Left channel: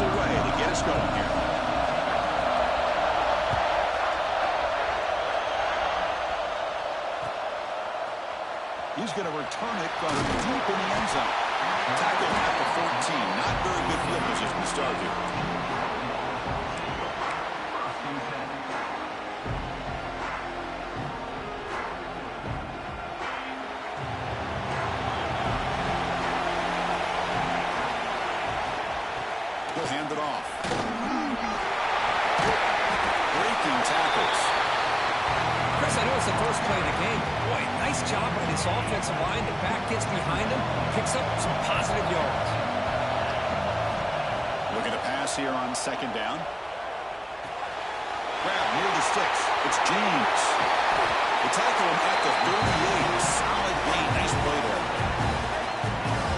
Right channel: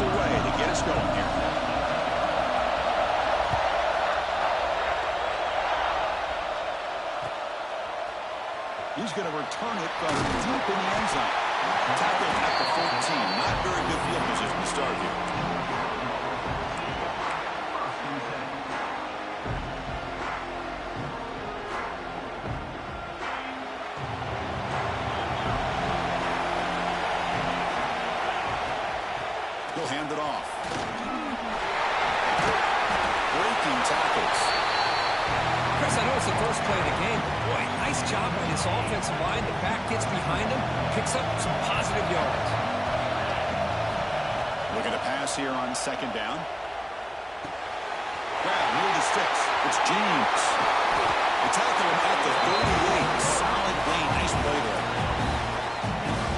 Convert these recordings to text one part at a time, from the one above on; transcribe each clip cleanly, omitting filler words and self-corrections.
pass away to get us going here. He's going to return it from deep in the end zone. Tackled at the 14. Not very good field position to start here. He'll hand it off. Breaking tackles. Chris, I know it's the first play of the game, but boy, nice job by this offensive line. The back gets behind him, picks up some positive yards. Looking to pass here on second down. Grab near the sticks. It's James. They tackle him at the 38. Solid gain. Nice play there.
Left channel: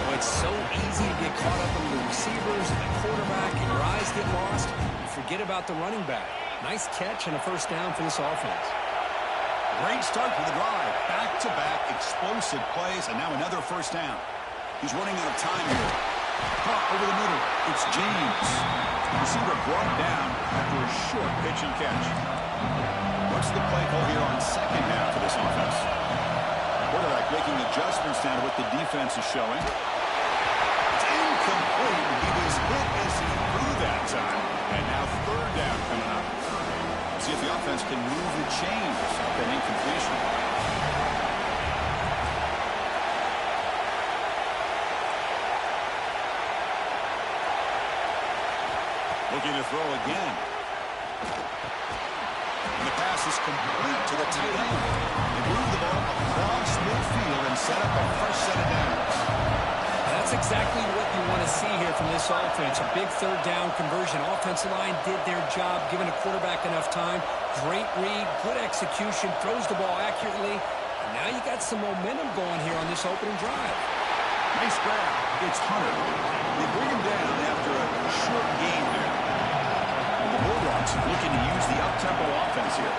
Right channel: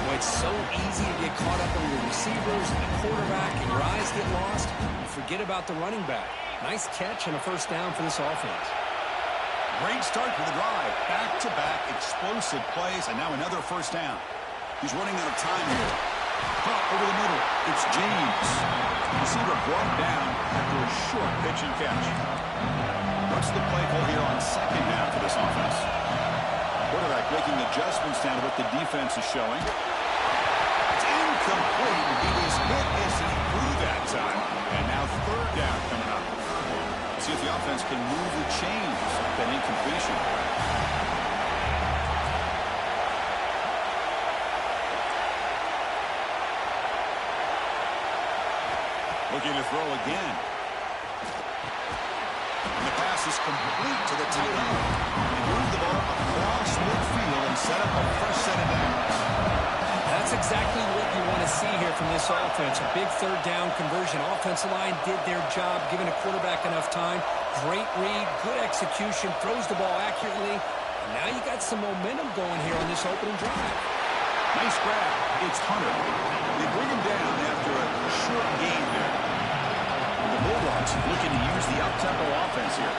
Boy, it's so easy to get caught up in the receivers and the quarterback, and your eyes get lost. You forget about the running back. Nice catch and a first down for this offense. Great start for the drive. Back-to-back explosive plays, and now another first down. He's running out of time here. Caught over the middle. It's James. Receiver brought down after a short pitch and catch. What's the play call here on second down for this offense? Quarterback making adjustments down to what the defense is showing. It's incomplete. He was hit as he threw that time. And now third down coming up. See if the offense can move the chains off that incompletion. Looking to throw again. And the pass is complete to the tight end. They move the ball across midfield and set up a fresh set of downs. That's exactly what you want to see here from this offense. A big third down conversion. Offensive line did their job, giving a quarterback enough time. Great read, good execution, throws the ball accurately. And now you got some momentum going here on this opening drive. Nice grab. It's Hunter. They bring him down after a short gain there. And the Bulldogs looking to use the up-tempo offense here.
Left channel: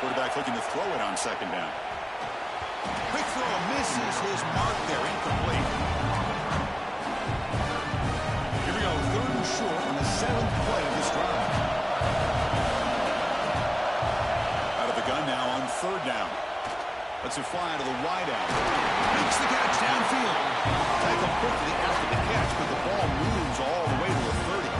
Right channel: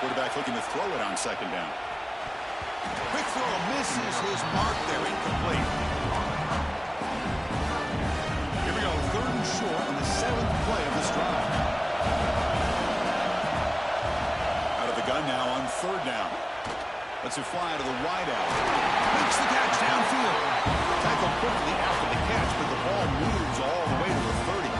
Quarterback looking to throw it on second down. Quick throw misses his mark there. Incomplete. Here we go. Third and short on the 7th play of this drive. Out of the gun now on third down. Lets it fly to the wideout. Makes the catch downfield. Tackled quickly after the catch, but the ball moves all the way to the 30.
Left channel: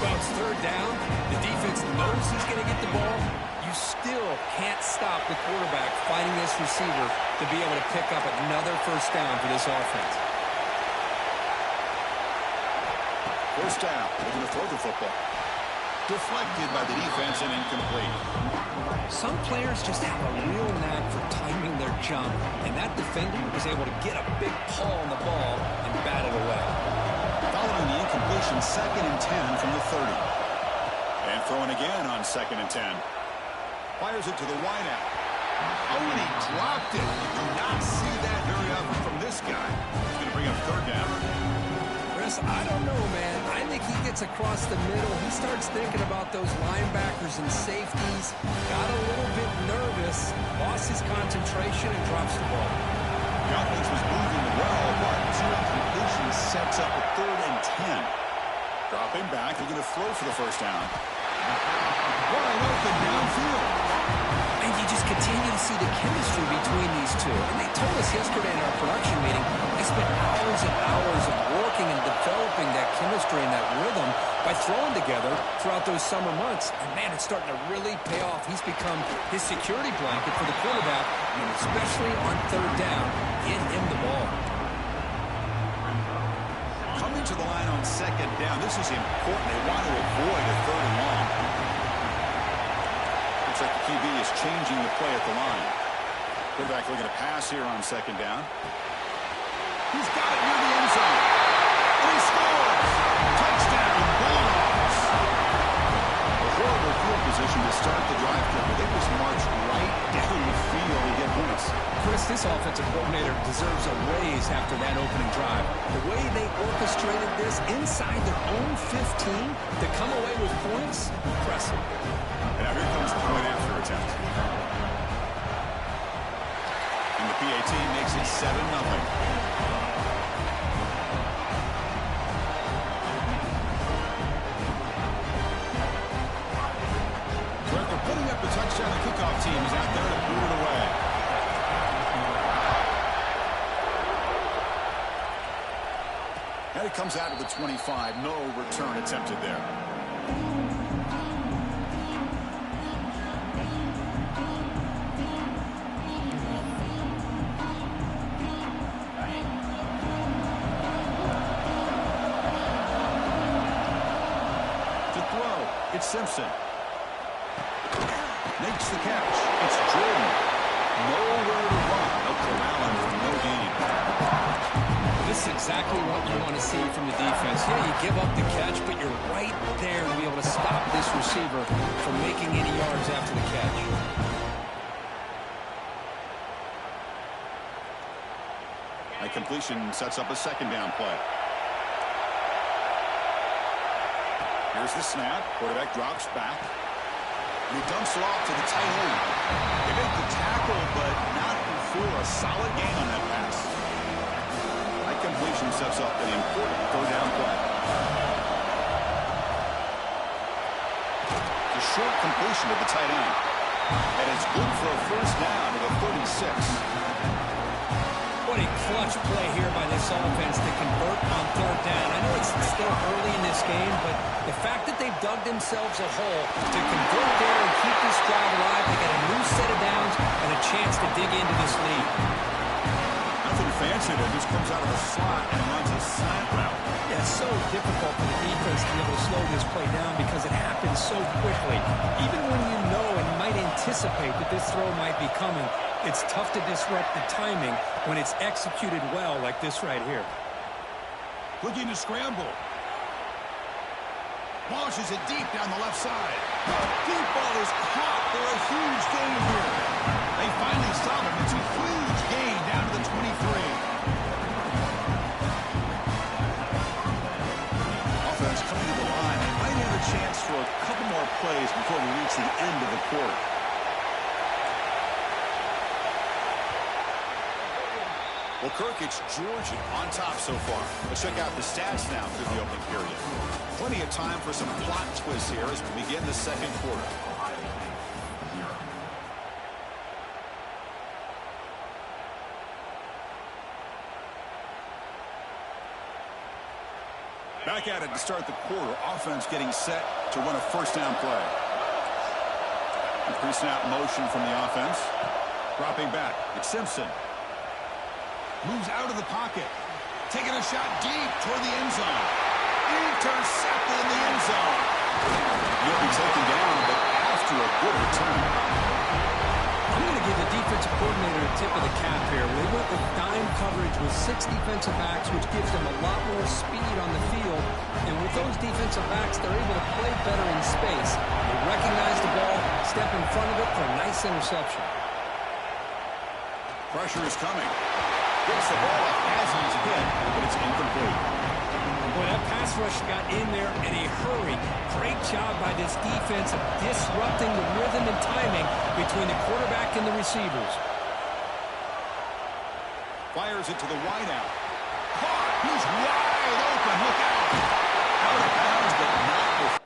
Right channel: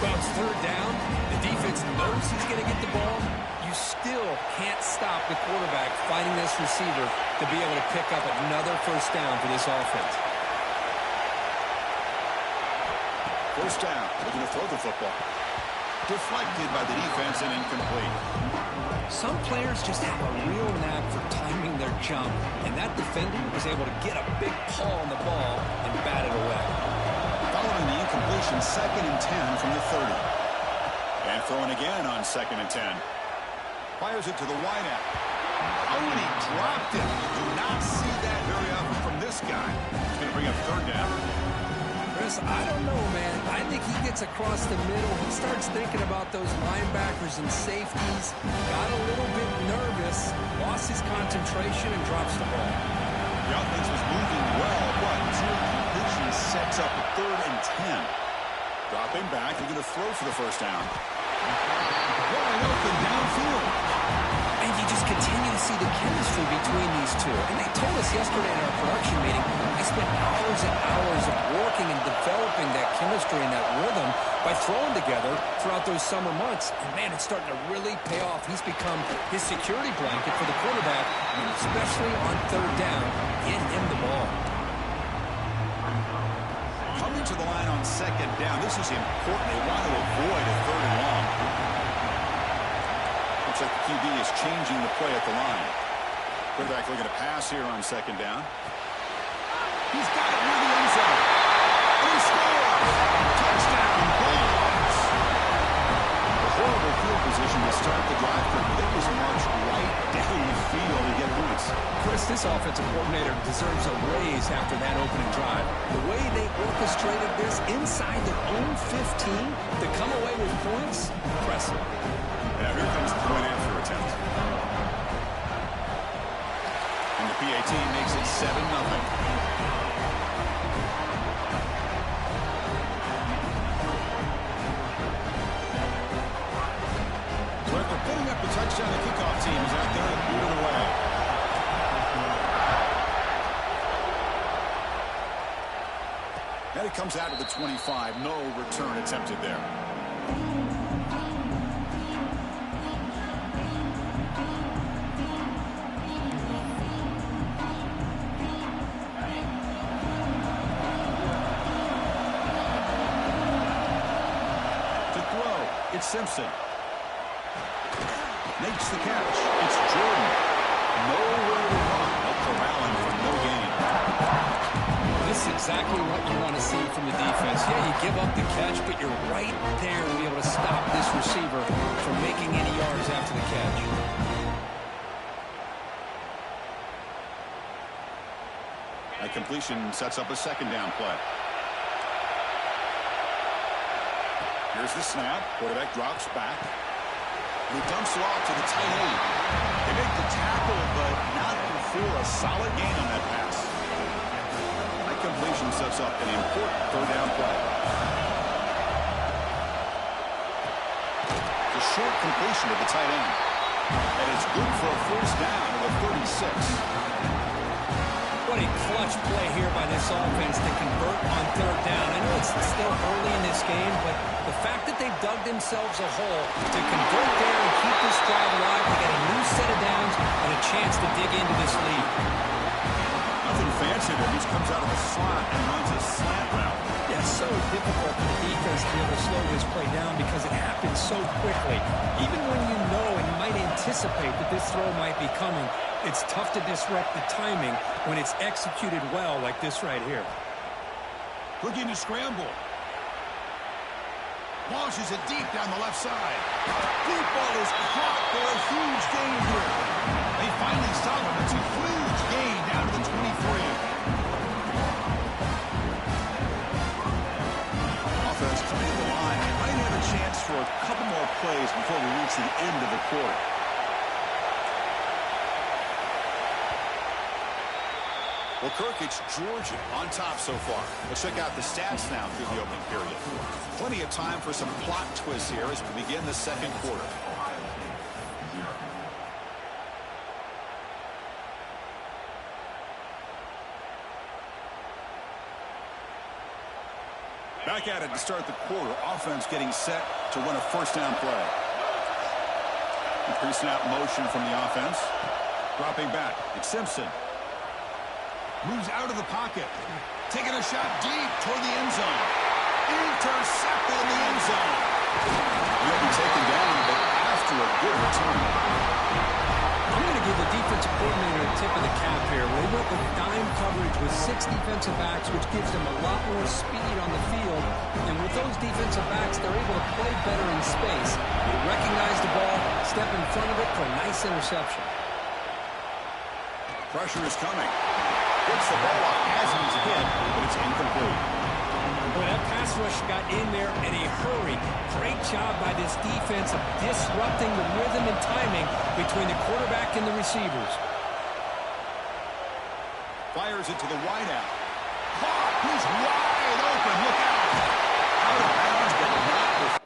Well, it's third down. The defense knows he's going to get the ball. You still can't stop the quarterback fighting this receiver to be able to pick up another first down for this offense. First down. Looking to throw the football. Deflected by the defense and incomplete. Some players just have a real knack for timing their jump, and that defender was able to get a big paw on the ball and bat it away. Following the incompletion, 2nd and 10 from the 30. And throwing again on 2nd and 10. Fires it to the wideout. Oh, and he dropped it. You do not see that very often from this guy. He's going to bring up third down. Chris, I don't know, man. I think he gets across the middle. He starts thinking about those linebackers and safeties. Got a little bit nervous, lost his concentration, and drops the ball. The offense was moving well, but 2 incompletions sets up a 3rd and 10. Dropping back, they're going to throw for the first down. Wide open downfield. And you just continue to see the chemistry between these two. And they told us yesterday in our production meeting, they spent hours and hours of working and developing that chemistry and that rhythm by throwing together throughout those summer months. And, man, it's starting to really pay off. He's become his security blanket for the quarterback, and especially on third down, get him the ball. Coming to the line on second down. This is important. They want to avoid a 3rd and long. Looks like the QB is changing the play at the line. Quarterback looking to pass here on second down. He's got it near the end zone. And he scores! Touchdown, Bulldogs! A horrible field position to start the drive, but they just marched right down the field to get points. Chris, this offensive coordinator deserves a raise after that opening drive. The way they orchestrated this inside their own 15 to come away with points, impressive. And now here comes the point after attempt. PAT makes it 7-0. So after putting up the touchdown, the kickoff team is out there to boot it away. And it comes out to the 25. No return attempted there. To throw, it's Simpson. Makes the catch. It's Jordan. Nowhere to run. They'll corral him for no gain. This is exactly what you want to see from the defense. Yeah, you give up the catch, but you're right there to be able to stop this receiver from making any yards after the catch. That completion sets up a second down play. Here's the snap. Quarterback drops back. And he dumps it off to the tight end. They make the tackle, but not before a solid gain on that pass. That completion sets up an important third down play. The short completion to the tight end. And it's good for a first down to the 36. What a clutch play here by this offense to convert on third down. I know it's still early in this game, but the fact that they've dug themselves a hole to convert there and keep this drive alive, they got a new set of downs and a chance to dig into this lead. Nothing fancy there. Just comes out of the slot and runs a slant route. Yeah, it's so difficult for the defense to be able to slow this play down because it happens so quickly. Even when you know and might anticipate that this throw might be coming, it's tough to disrupt the timing when it's executed well like this right here. Looking to scramble. Launches it deep down the left side. Deep ball is caught for a huge gain here. They finally stop him. It's a huge gain down to the 23. Offense coming to the line. They might have a chance for a couple more plays before we reach the end of the quarter. Well, Kirk, it's Georgia on top so far. Let's check out the stats now through the opening period. Plenty of time for some plot twists here as we begin the second quarter. Back at it to start the quarter. Offense getting set to run a first down play. Pre-snap motion from the offense. Dropping back. It's Simpson. Moves out of the pocket. Taking a shot deep toward the end zone. Intercepted in the end zone. He'll be taken down, but after a good return. I'm going to give the defensive coordinator a tip of the cap here. They went with dime coverage with 6 defensive backs, which gives them a lot more speed on the field. And with those defensive backs, they're able to play better in space. They recognize the ball, step in front of it for a nice interception. Pressure is coming. Gets the ball off as he's hit, but it's incomplete. Boy, that pass rush got in there in a hurry. Great job by this defense of disrupting the rhythm and timing between the quarterback and the receivers. Fires it to the wideout. Caught! He's wide open. Look out! Out of bounds, but not before.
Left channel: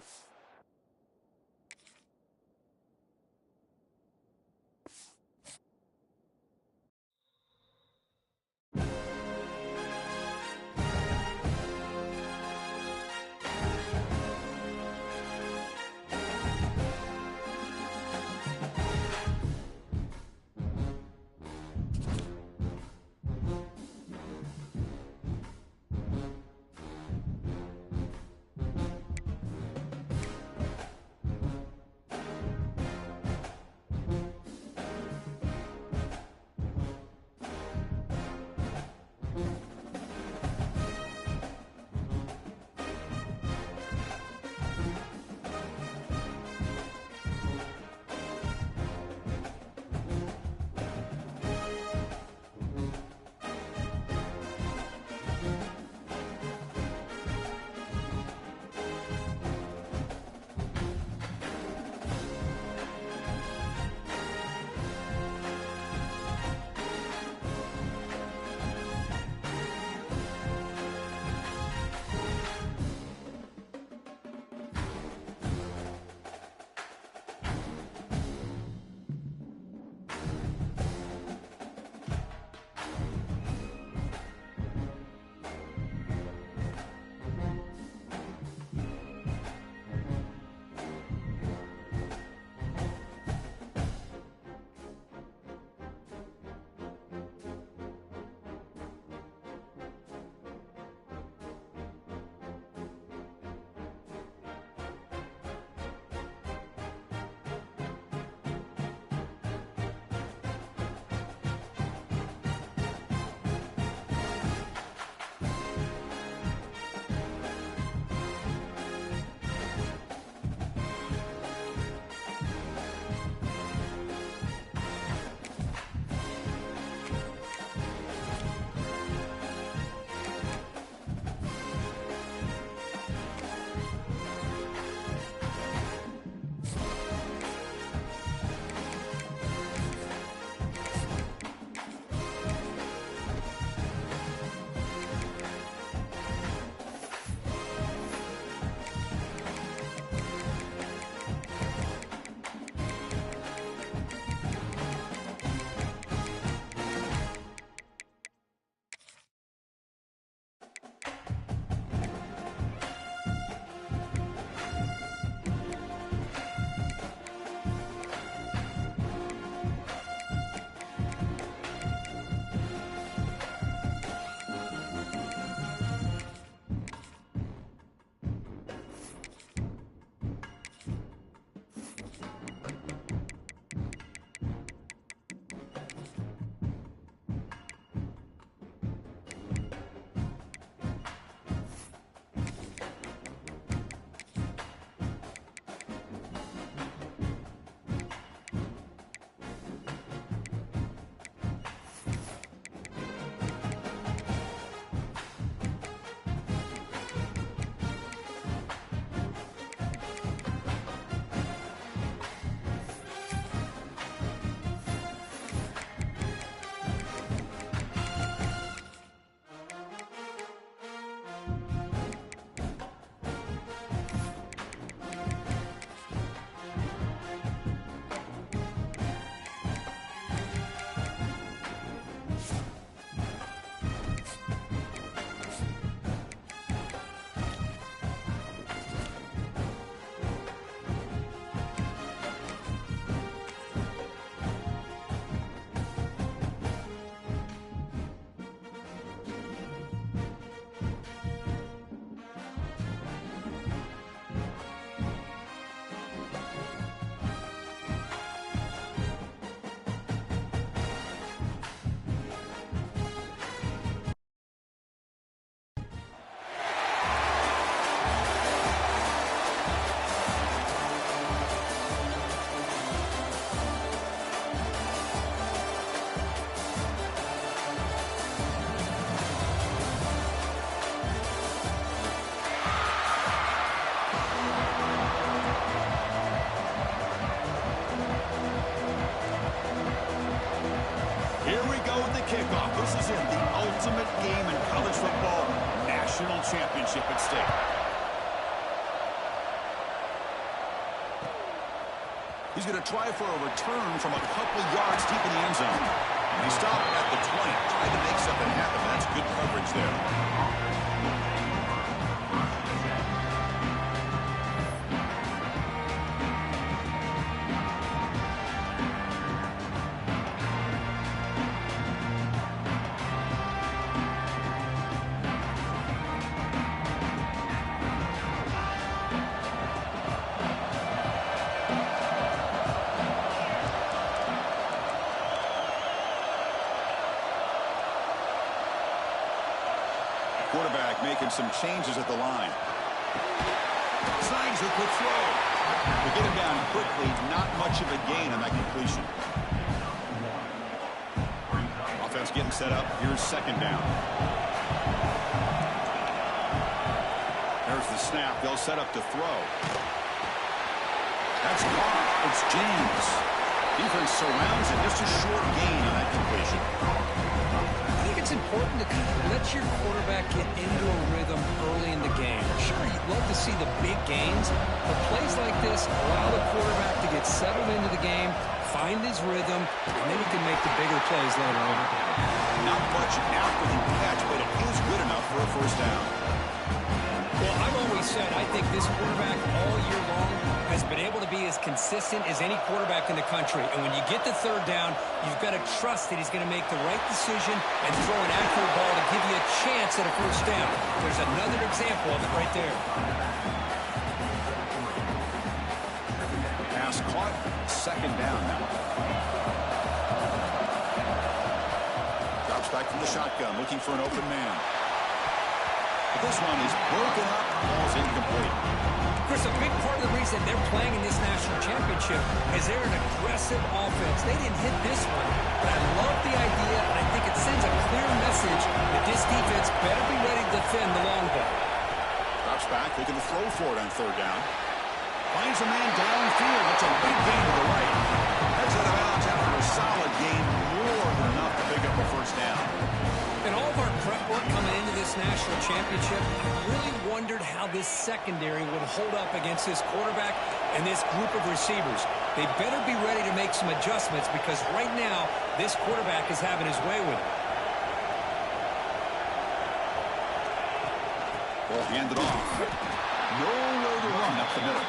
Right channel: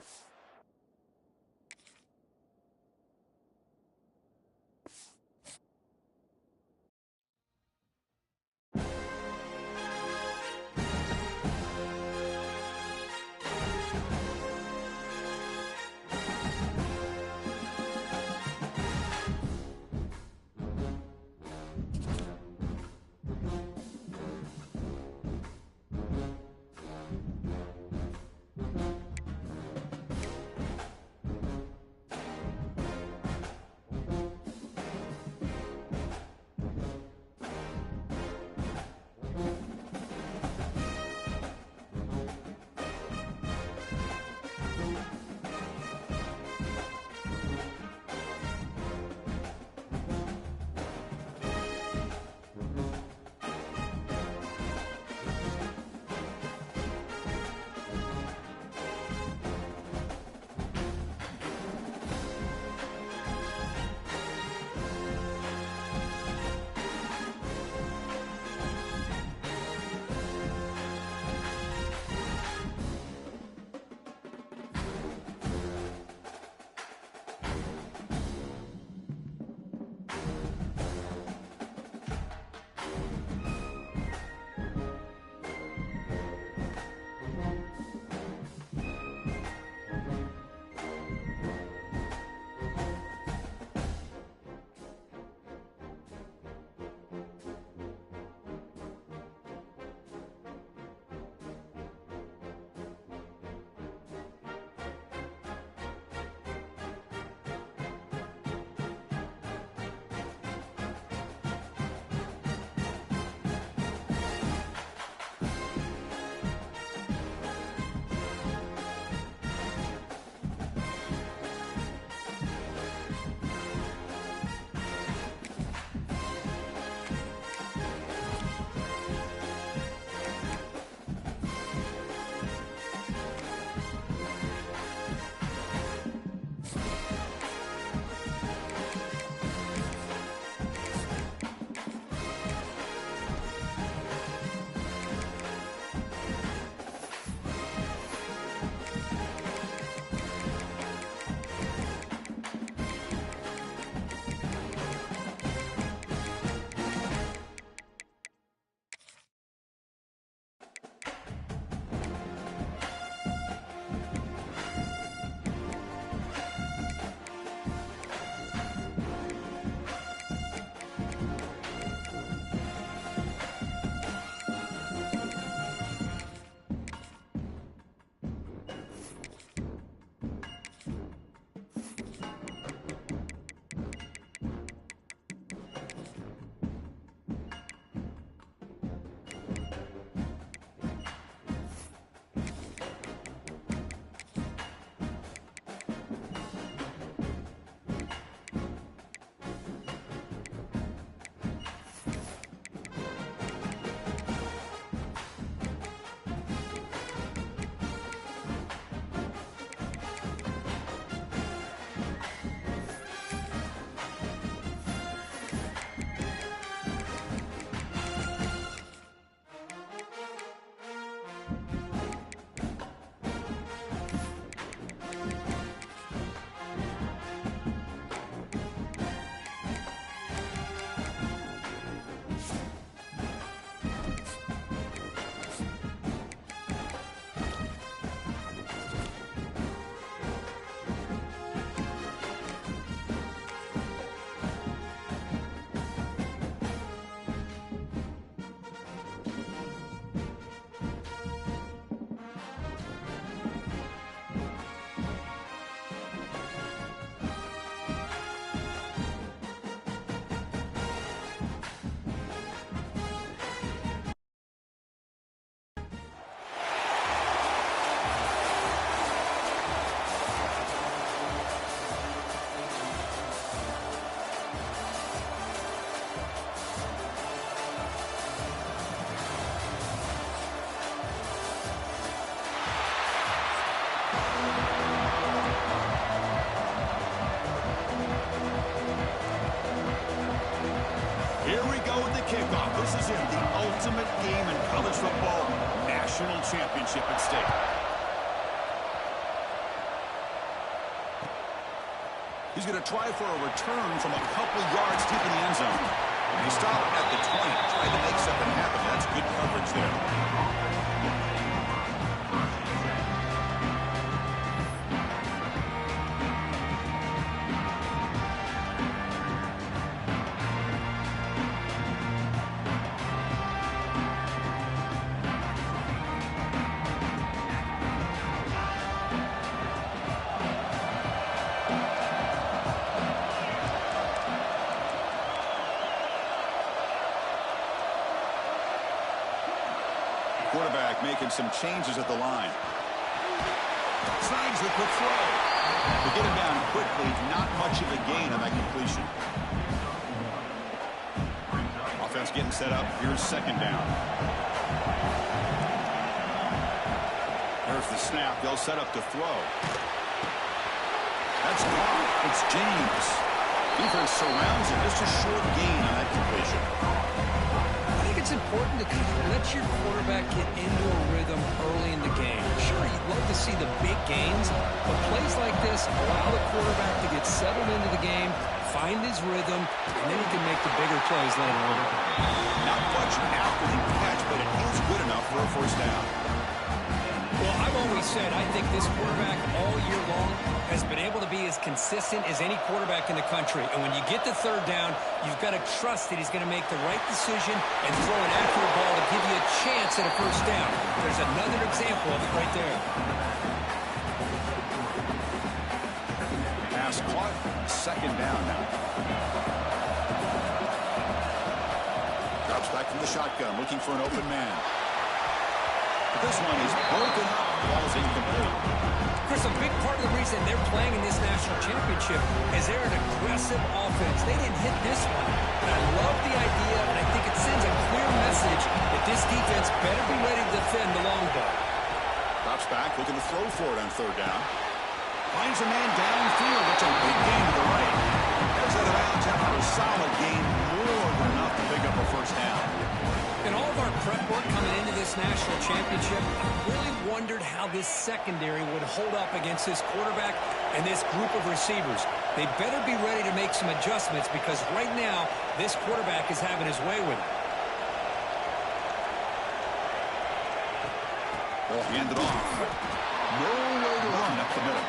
kickoff. This is it, the ultimate game in college football, national championship at stake. He's going to try for a return from a couple yards deep in the end zone. And he stopped at the 20, tried to make something happen. That's good coverage there. Quarterback making some changes at the line. Slides the quick throw. To get him down quickly, not much of a gain on that completion. Offense getting set up. Here's second down. There's the snap. They'll set up to throw. That's caught. It's James. Defense surrounds him. Just a short gain on that completion. I think it's important to kind of let your quarterback get into a rhythm early in the game. Sure, you'd love to see the big gains, but plays like this allow the quarterback to get settled into the game, find his rhythm, and then he can make the bigger plays later on. Not much after the catch, but it is good enough for a first down. Well, I've always said I think this quarterback all year long has been able to be as consistent as any quarterback in the country. And when you get to third down, you've got to trust that he's going to make the right decision and throw an accurate ball to give you a chance at a first down. There's another example of it right there. Pass caught. Second down now. Drops back from the shotgun, looking for an open man. But this one is broken up. Ball's incomplete. Chris, a big part of the reason they're playing in this national championship is they're an aggressive offense. They didn't hit this one, but I love the idea, and I think it sends a clear message that this defense better be ready to defend the long ball. Drops back, looking to throw for it on third down. Finds a man downfield. It's a big gain to the right. Heads out of bounds after a solid gain, more than enough to pick up a first down. In all of our prep work coming into this national championship, I really wondered how this secondary would hold up against this quarterback and this group of receivers. They better be ready to make some adjustments because right now, this quarterback is having his way with it. Ball handed off. Nowhere to run up the middle.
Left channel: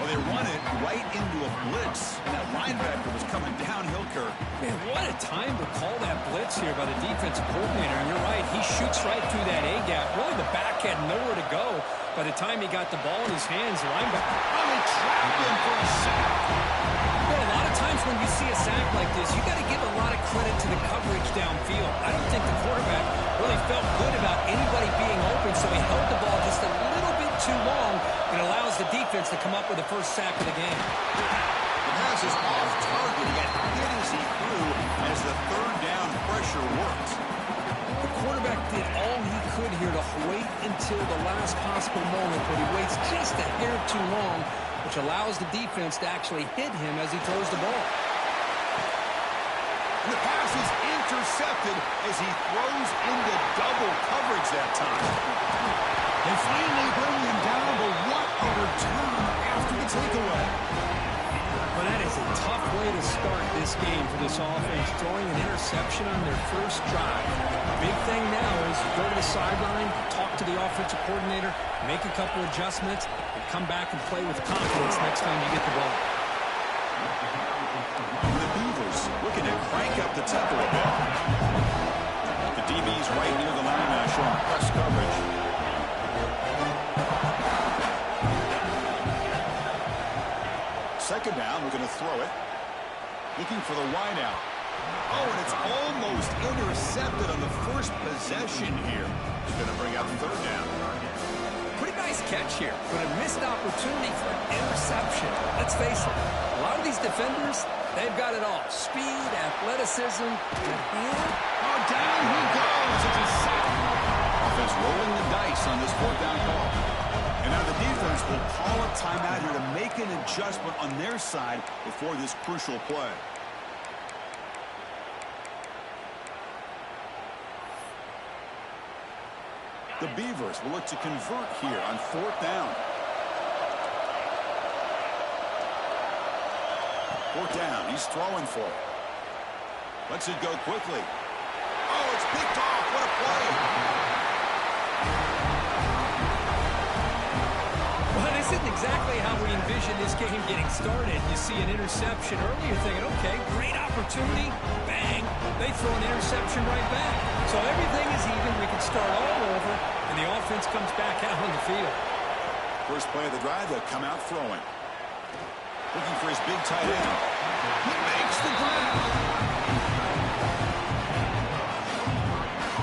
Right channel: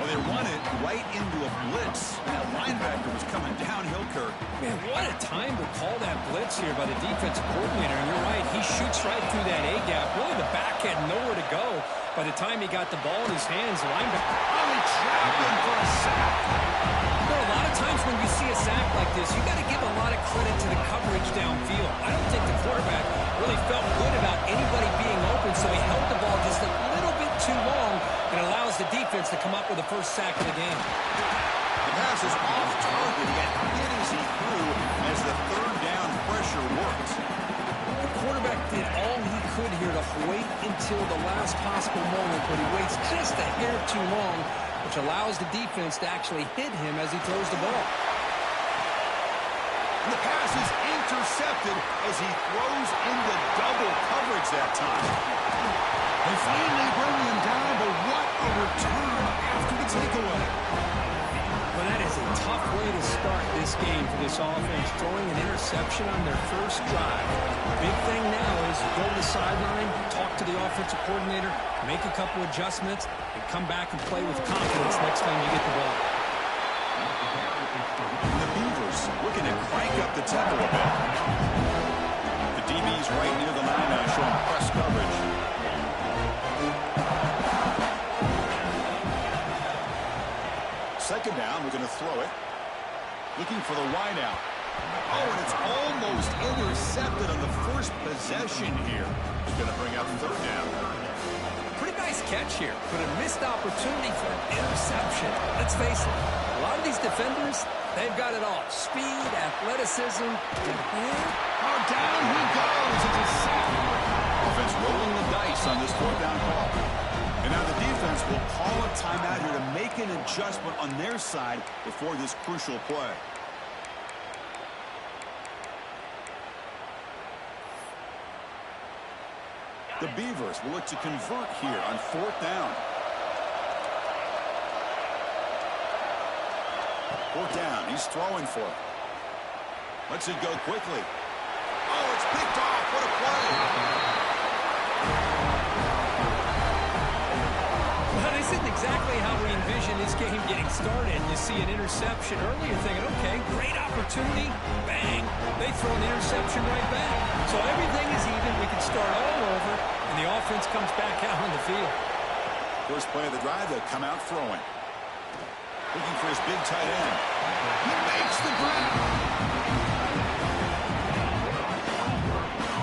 Well, they run it right into a blitz, and that linebacker was coming downhill, Kirk. Man, what a time to call that blitz here by the defensive coordinator. And you're right, he shoots right through that A-gap. Really, the back had nowhere to go. By the time he got the ball in his hands, the linebacker... Oh, they trapped him for a sack. Well, a lot of times when you see a sack like this, you got to give a lot of credit to the coverage downfield. I don't think the quarterback really felt good about anybody being open, so he held the ball just a little bit too long and allows the defense to come up with the first sack of the game. The pass is off target. He got hit as he threw as the third down pressure worked. The quarterback did all he could here to wait until the last possible moment, but he waits just a hair too long, which allows the defense to actually hit him as he throws the ball. And the pass is intercepted as he throws into double coverage that time. They finally bring him down, but what a return after the takeaway. Well, that is a tough way to start this game for this offense, throwing an interception on their first drive. Big thing now is you go to the sideline, talk to the offensive coordinator, make a couple adjustments, and come back and play with confidence next time you get the ball. The Beavers looking to crank up the tempo a bit. The DB's right near the line now, showing press coverage. Second down, we're going to throw it. Looking for the wideout. Oh, and it's almost intercepted on the first possession here. It's going to bring up third down. Pretty nice catch here, but a missed opportunity for an interception. Let's face it, a lot of these defenders, they've got it all. Speed, athleticism, and oh, down he goes. It's a sack. Offense rolling the dice on this fourth down call. And now the defense will call a timeout here to make an adjustment on their side before this crucial play. The Beavers will look to convert here on 4th down. 4th down. He's throwing for it. Lets it go quickly. Oh, it's picked off. What a play. Well, this isn't exactly how we envisioned this game getting started. You see an interception early, you're thinking, okay, great opportunity. Bang. They throw an interception right back. So everything is even. We can start all over, and the offense comes back out on the field. First play of the drive, they'll come out throwing. Looking for his big tight end. He makes the grab.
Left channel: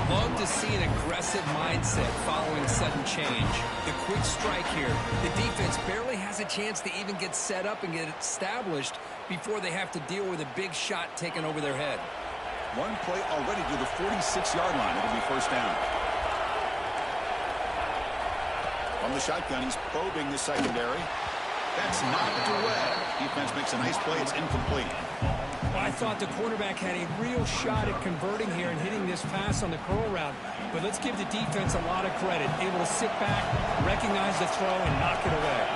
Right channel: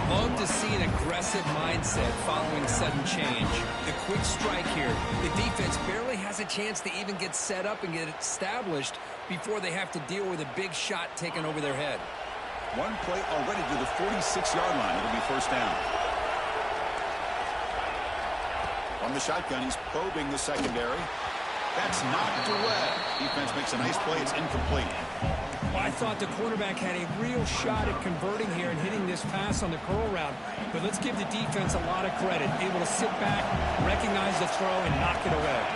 Love to see an aggressive mindset following sudden change. The quick strike here. The defense barely has a chance to even get set up and get established before they have to deal with a big shot taken over their head. One play already to the 46-yard line. It'll be first down. From the shotgun, he's probing the secondary. That's knocked away. Defense makes a nice play. It's incomplete. Well, I thought the quarterback had a real shot at converting here and hitting this pass on the curl route. But let's give the defense a lot of credit. Able to sit back, recognize the throw, and knock it away.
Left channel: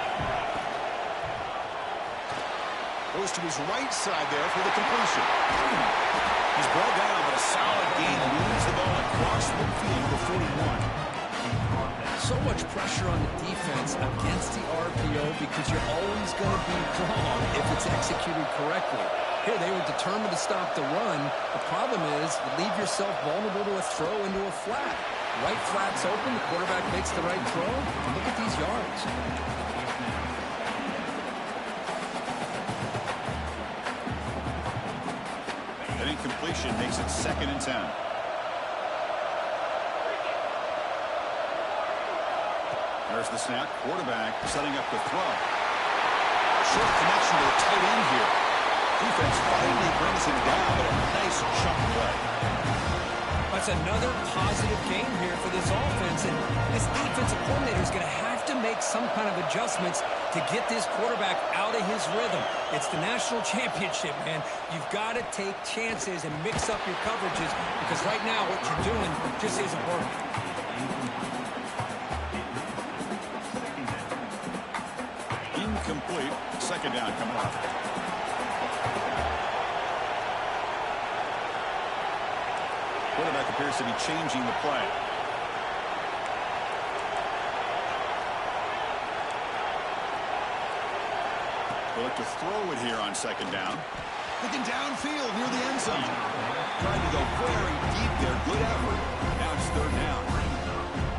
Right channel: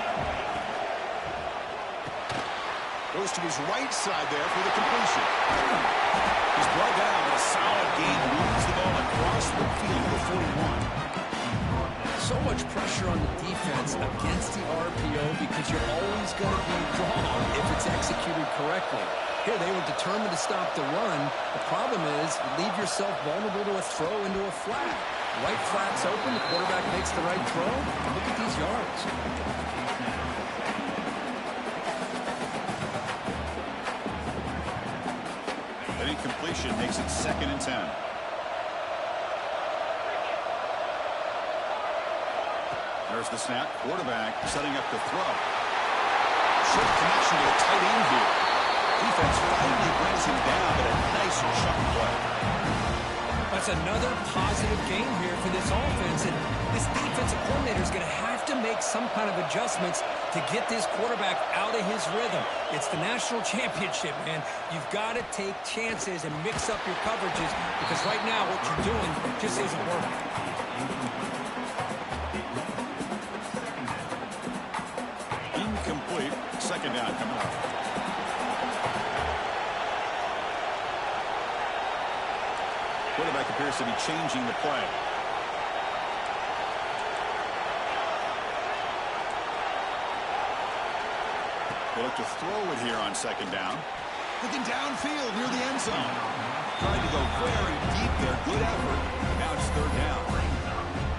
Goes to his right side there for the completion. He's brought down, but a solid gain moves the ball across midfield to 41. So much pressure on the defense against the RPO because you're always going to be wrong if it's executed correctly. Here, they were determined to stop the run. The problem is you leave yourself vulnerable to a throw into a flat. Right flat's open. The quarterback makes the right throw. And look at these yards. An incompletion makes it 2nd and 10. There's the snap. Quarterback setting up the throw. Short connection to the tight end here. Defense finally brings him down, but a nice chunk play. That's another positive game here for this offense, and this defensive coordinator is going to have to make some kind of adjustments to get this quarterback out of his rhythm. It's the national championship, man. You've got to take chances and mix up your coverages because right now what you're doing just isn't working. Incomplete. 2nd down coming up. Quarterback appears to be changing the play. They look to throw it here on 2nd down. Looking downfield near the end zone. Trying to go very deep there. Good effort. Now it's 3rd down.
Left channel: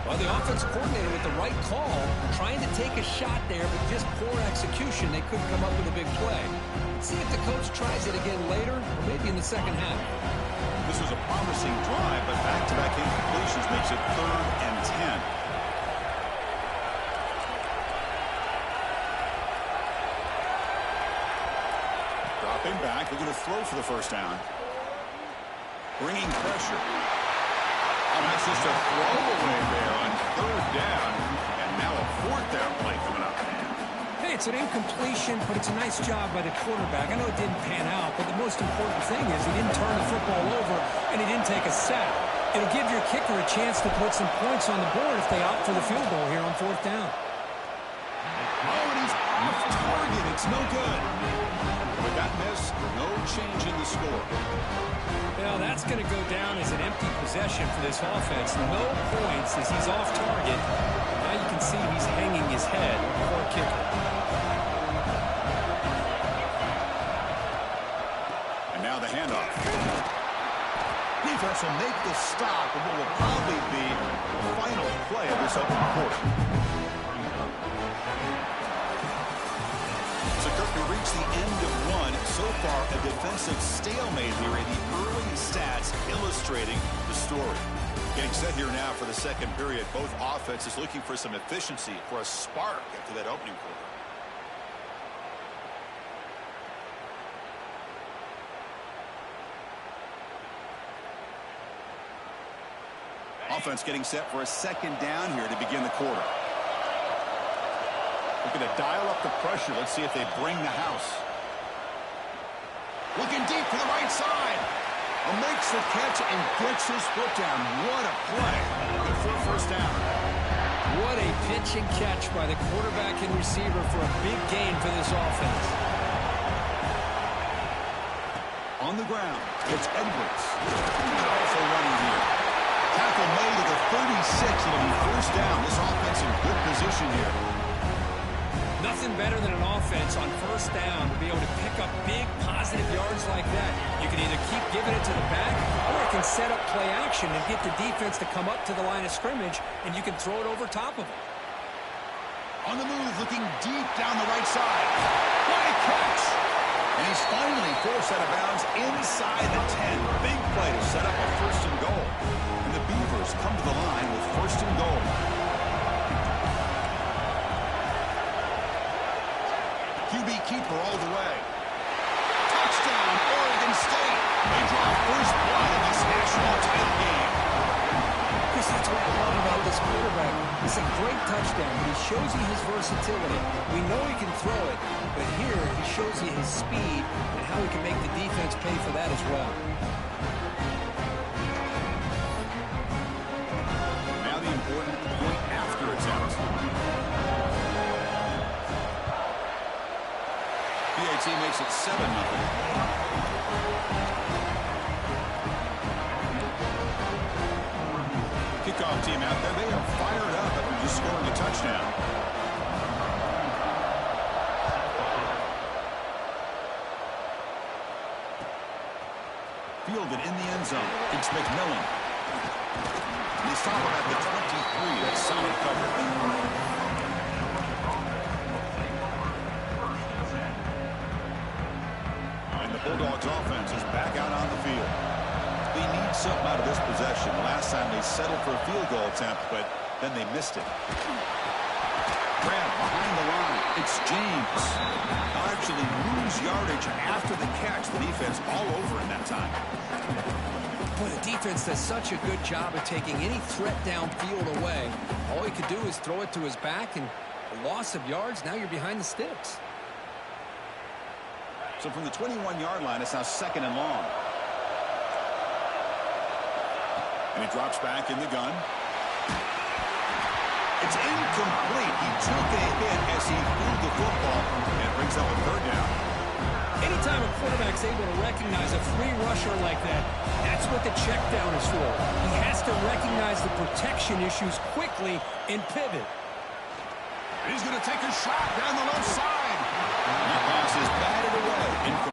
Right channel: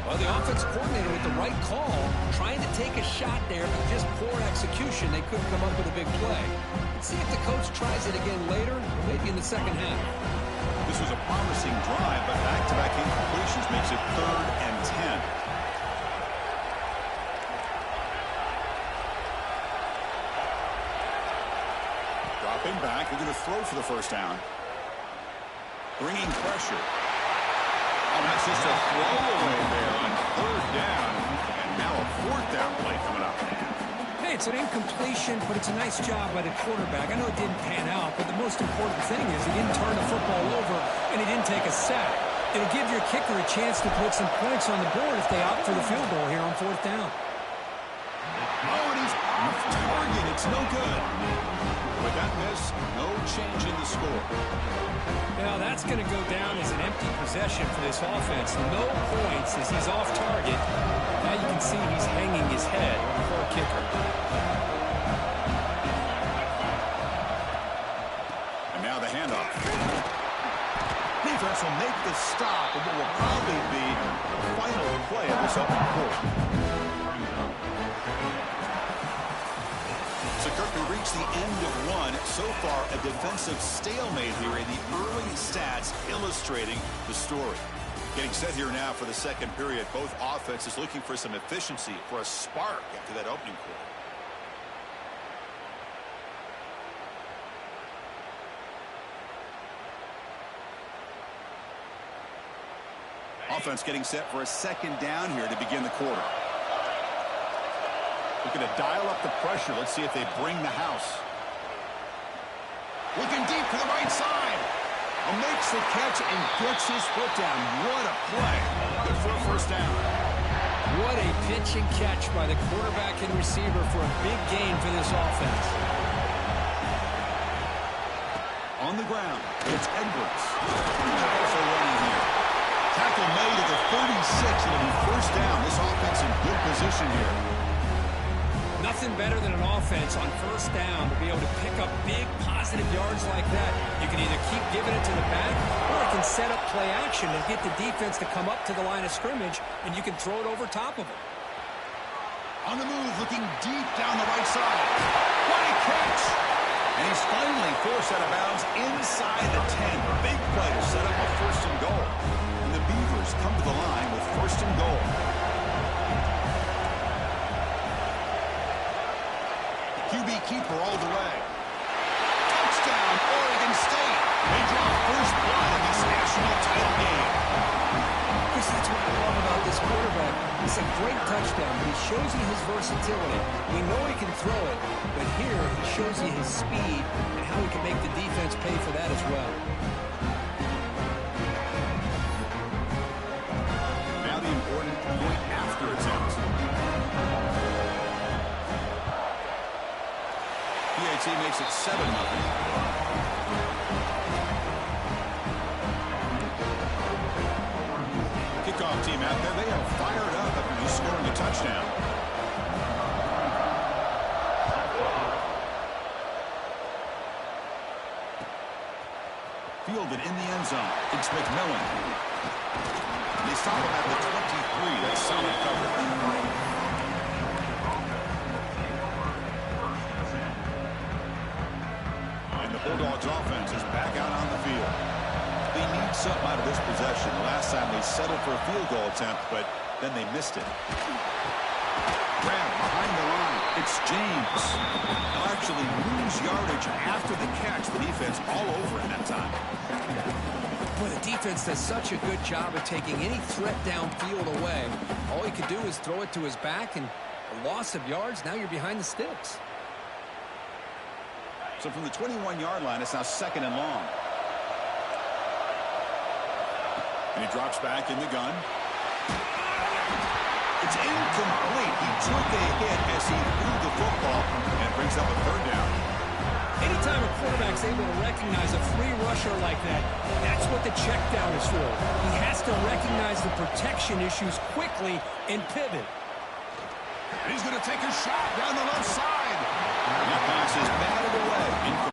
Well, the offense coordinator with the right call, trying to take a shot there, but just poor execution. They couldn't come up with a big play. Let's see if the coach tries it again later, or maybe in the second half. This was a promising drive, but back-to-back incompletions makes it 3rd and 10. Dropping back, looking to throw for the first down. Bringing pressure. Oh, that's just a throwaway there on 3rd down. And now a 4th down play coming up. Hey, it's an incompletion, but it's a nice job by the quarterback. I know it didn't pan out, but the most important thing is he didn't turn the football over and he didn't take a sack. It'll give your kicker a chance to put some points on the board if they opt for the field goal here on 4th down. Oh, and he's off target. It's no good. With that miss, no change in the score. Now that's going to go down as an empty possession for this offense. No points as he's off target. Now you can see he's hanging his head. Poor kicker. And now the handoff. Defense will make the stop of what will probably be the final play of this opening quarter. So, Kirk, we reached the end of one. So far, a defensive stalemate here in the early stats illustrating the story. Getting set here now for the second period. Both offenses looking for some efficiency, for a spark after that opening quarter. Offense getting set for a 2nd down here to begin the quarter. Looking to dial up the pressure. Let's see if they bring the house. Looking deep to the right side. Makes the catch and gets his foot down. What a play. Good for a first down. pitch and catch by the quarterback and receiver for a big gain for this offense. On the ground, it's Edwards. Powerful running here. Tackle made at the 36. It'll be first down. This offense in good position here. Nothing better than an offense on first down to be able to pick up big positive yards like that. You can either keep giving it to the back, or it can set up play action and get the defense to come up to the line of scrimmage, and you can throw it over top of them. On the move, looking deep down the right side. What a catch! And he's finally forced out of bounds inside the 10. Big play to set up a first and goal. And the Beavers come to the line with first and goal. QB keeper all the way. Touchdown, Oregon State. They draw first blood in this national title game. Chris, that's what I love about this quarterback. It's a great touchdown, but he shows you his versatility. We know he can throw it, but here he shows you his speed and how he can make the defense pay for that as well. Now the important point after attempt. PAT makes it 7-0. Kickoff team out there, they are fired up after just scoring a touchdown. Fielded in the end zone. It's McMillan. They stop him at the 23. That's solid coverage. Bulldogs offense is back out on the field. They need something out of this possession. The last time they settled for a field goal attempt, but then they missed it. Grab behind the line. It's James. They'll actually lose yardage after the catch. The defense all over in that time. Boy, the defense does such a good job of taking any threat downfield away. All he could do is throw it to his back, and a loss of yards, now you're behind the sticks. So from the 21-yard line, it's now second and long. And he drops back in the gun. It's incomplete. He took a hit as he threw the football, and it brings up a third down. Anytime a quarterback's able to recognize a free rusher like that, that's what the check down is for. He has to recognize the protection issues quickly and pivot. And he's going to take a shot down the left side. That pass is batted away.